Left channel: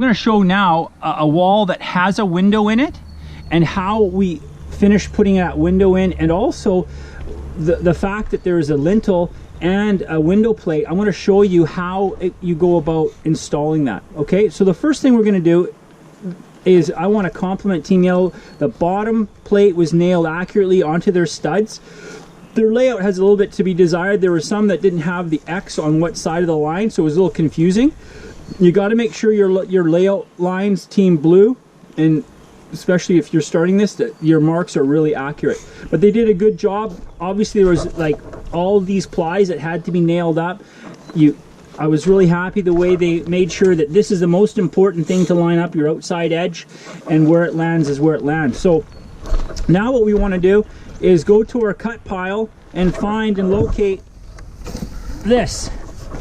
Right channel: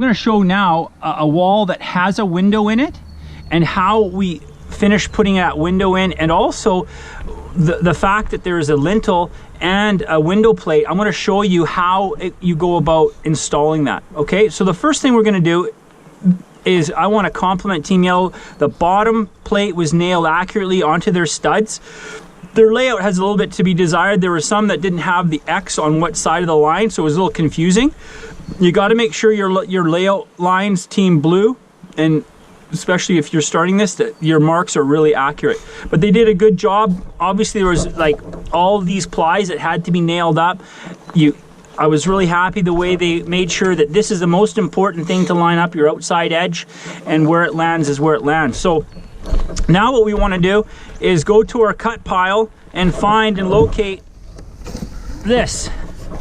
I'm going to show now a wall that has a window in it and how we finish putting that window in, and also the fact that there is a lintel and a window plate. I'm going to show you how you go about installing that. Okay, so the first thing we're going to do is I want to compliment Team Yellow. The bottom plate was nailed accurately onto their studs. Their layout has a little bit to be desired. There were some that didn't have the X on what side of the line, so it was a little confusing. You got to make sure your layout lines, Team Blue, and especially if you're starting this, that your marks are really accurate. But they did a good job. Obviously there was like all these plies that had to be nailed up. I was really happy the way they made sure that this is the most important thing to line up your outside edge, and where it lands is where it lands. So now what we want to do is go to our cut pile and find and locate this.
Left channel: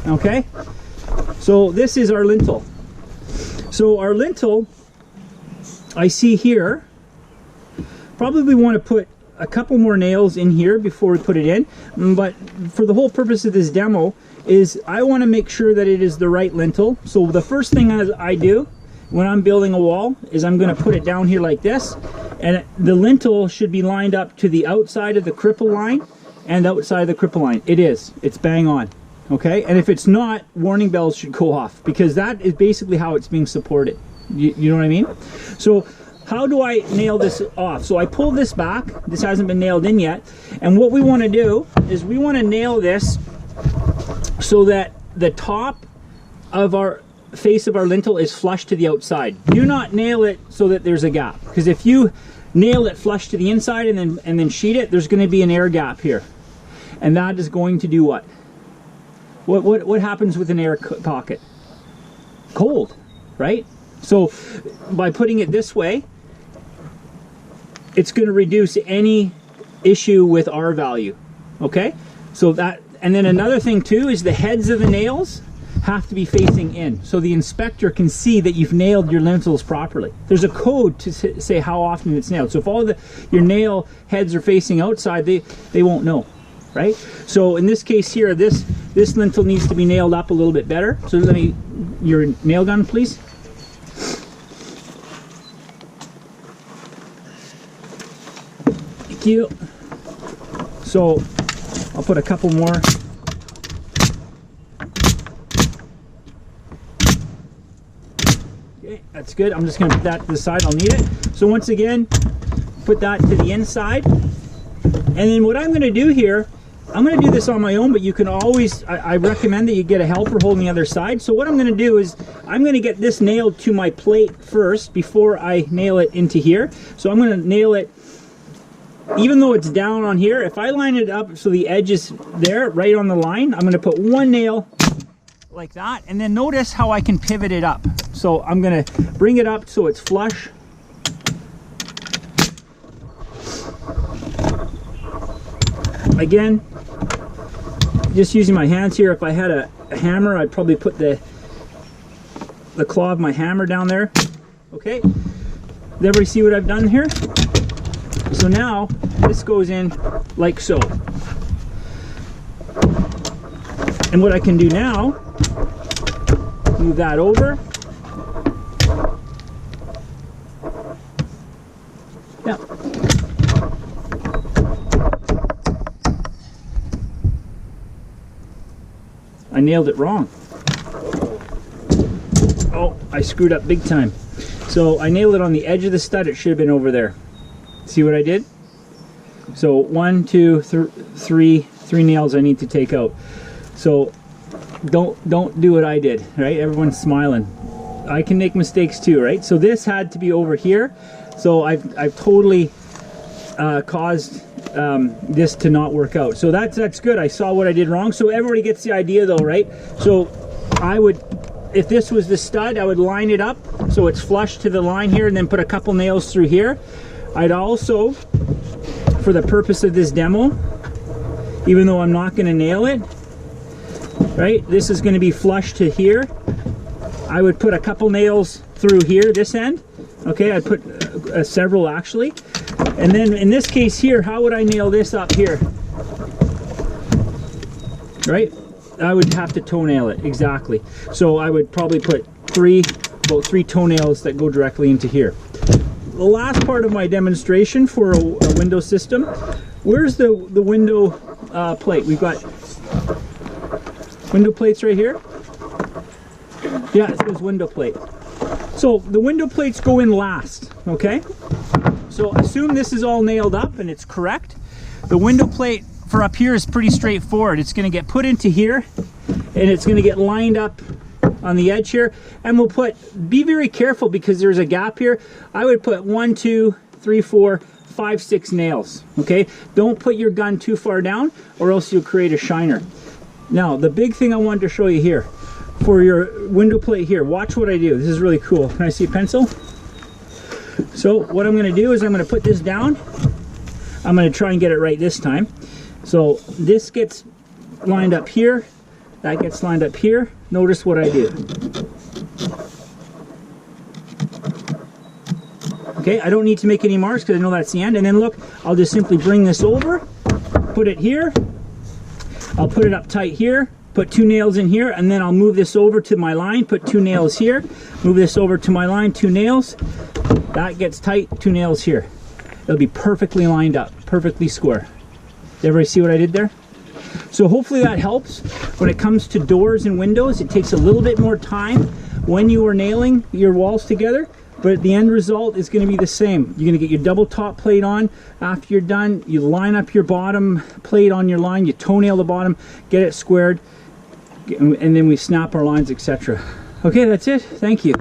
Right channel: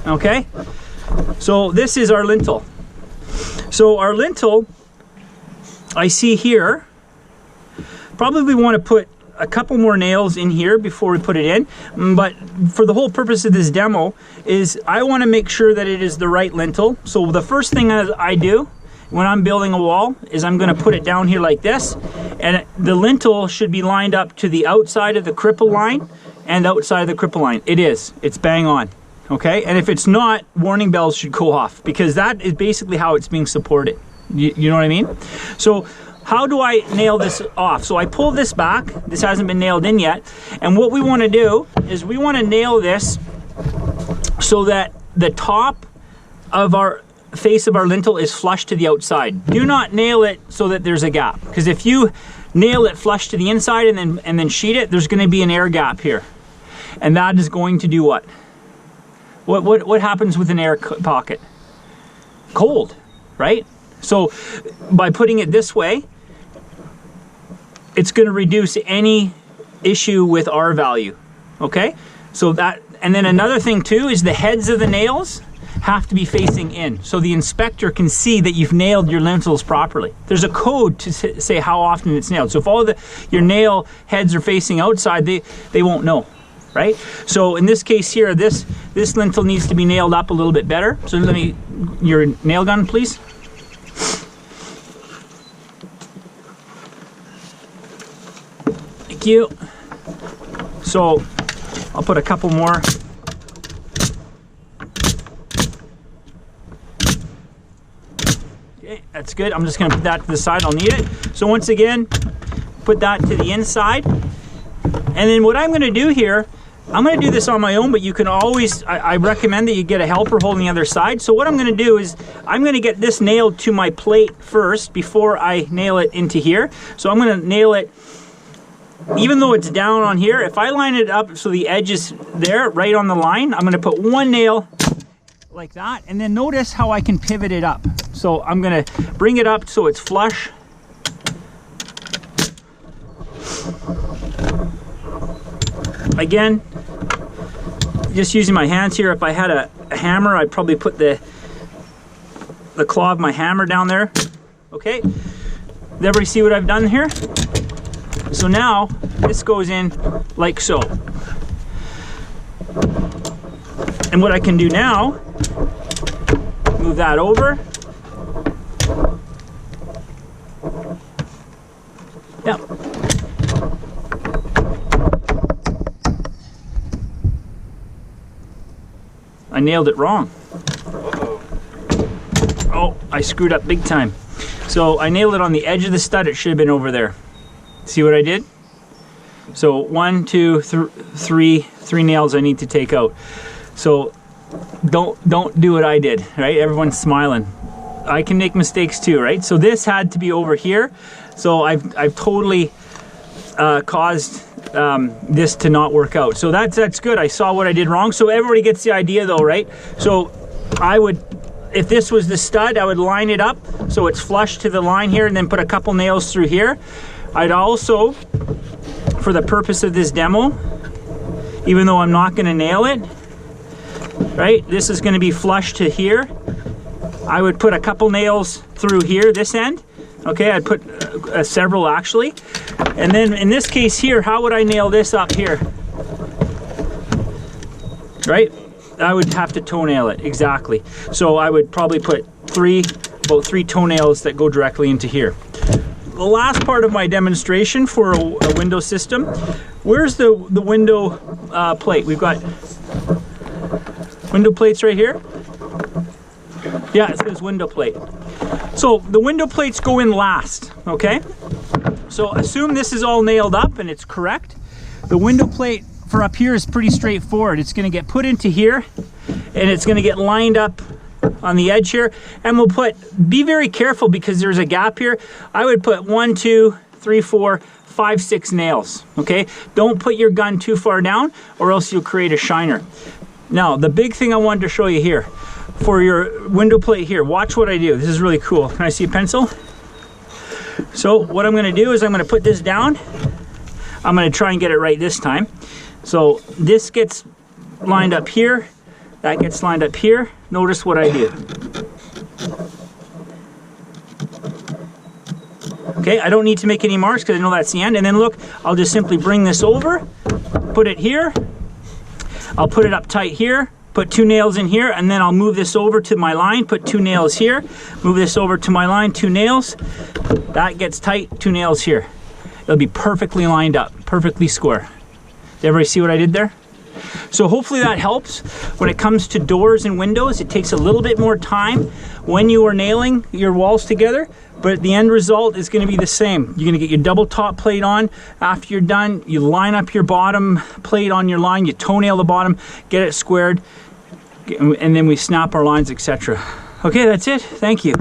Okay, so this is our lintel. So our lintel, I see here, probably want to put a couple more nails in here before we put it in, but for the whole purpose of this demo is I want to make sure that it is the right lintel. So the first thing I do when I'm building a wall is I'm going to put it down here like this, and the lintel should be lined up to the outside of the cripple line and outside of the cripple line. It's bang on. Okay, and if it's not, warning bells should go off, because that is basically how it's being supported. You know what I mean? So how do I nail this off? So I pull this back. This hasn't been nailed in yet. And what we want to do is we want to nail this so that the top of our face of our lintel is flush to the outside. Do not nail it so that there's a gap, because if you nail it flush to the inside and then sheet it, there's going to be an air gap here. And that is going to do what? What happens with an air pocket? Cold, right? So by putting it this way, it's going to reduce any issue with R value. Okay, so that, and then another thing too is the heads of the nails have to be facing in, so the inspector can see that you've nailed your lintels properly. There's a code to say how often it's nailed. So if all your nail heads are facing outside, they won't know, right? So in this case here, this lintel needs to be nailed up a little bit better. So let me, your nail gun please. Thank you. So I'll put a couple more. Okay, that's good. I'm just going to put that to the side. I'll need it. So once again, put that to the inside. And then what I'm going to do here, I'm going to do this on my own, but you can always, I recommend that you get a helper holding the other side. So what I'm going to do is I'm going to get this nailed to my plate first before I nail it into here. So I'm going to nail it, even though it's down on here, if I line it up so the edge is there, right on the line, I'm going to put one nail like that, and then notice how I can pivot it up. So I'm going to bring it up so it's flush. Again, just using my hands here. If I had a hammer, I'd probably put the claw of my hammer down there. Okay, did everybody see what I've done here? So now this goes in like so. And what I can do now, move that over. Yep. I nailed it wrong. Oh, I screwed up big time. So I nailed it on the edge of the stud. It should have been over there. See what I did? So 1, 2, 3 nails I need to take out. So don't do what I did, right? Everyone's smiling. I can make mistakes too, right? So this had to be over here. So I've totally caused this to not work out. So that's good. I saw what I did wrong. So everybody gets the idea though, right? So I would, if this was the stud, I would line it up so it's flush to the line here, and then put a couple nails through here. I'd also, for the purpose of this demo, even though I'm not going to nail it, right, this is going to be flush to here, I would put a couple nails through here, this end. Okay, I'd put several actually. And then in this case here, how would I nail this up here? Right? I would have to toenail it, exactly. So I would probably put 3, about 3 toenails that go directly into here. The last part of my demonstration for a window system, where's the window plate? We've got window plates right here. Yeah, it says window plate. So the window plates go in last, okay? So assume this is all nailed up and it's correct. The window plate for up here is pretty straightforward. It's gonna get put into here and it's gonna get lined up on the edge here. And we'll be very careful because there's a gap here. I would put 1, 2, 3, 4, 5, 6 nails, okay? Don't put your gun too far down or else you'll create a shiner. Now, the big thing I wanted to show you here, for your window plate here, watch what I do. This is really cool. Can I see a pencil? So what I'm gonna do is I'm gonna put this down. I'm gonna try and get it right this time. So this gets lined up here, that gets lined up here. Notice what I do. Okay, I don't need to make any marks because I know that's the end. And then look, I'll just simply bring this over, put it here. I'll put it up tight here, put 2 nails in here, and then I'll move this over to my line, put 2 nails here, move this over to my line, 2 nails. That gets tight, 2 nails here. It'll be perfectly lined up, perfectly square. Did everybody see what I did there? So hopefully that helps. When it comes to doors and windows, it takes a little bit more time when you are nailing your walls together, but the end result is going to be the same. You're going to get your double top plate on. After you're done, you line up your bottom plate on your line, you toenail the bottom, get it squared, and then we snap our lines, etc. Okay, that's it. Thank you.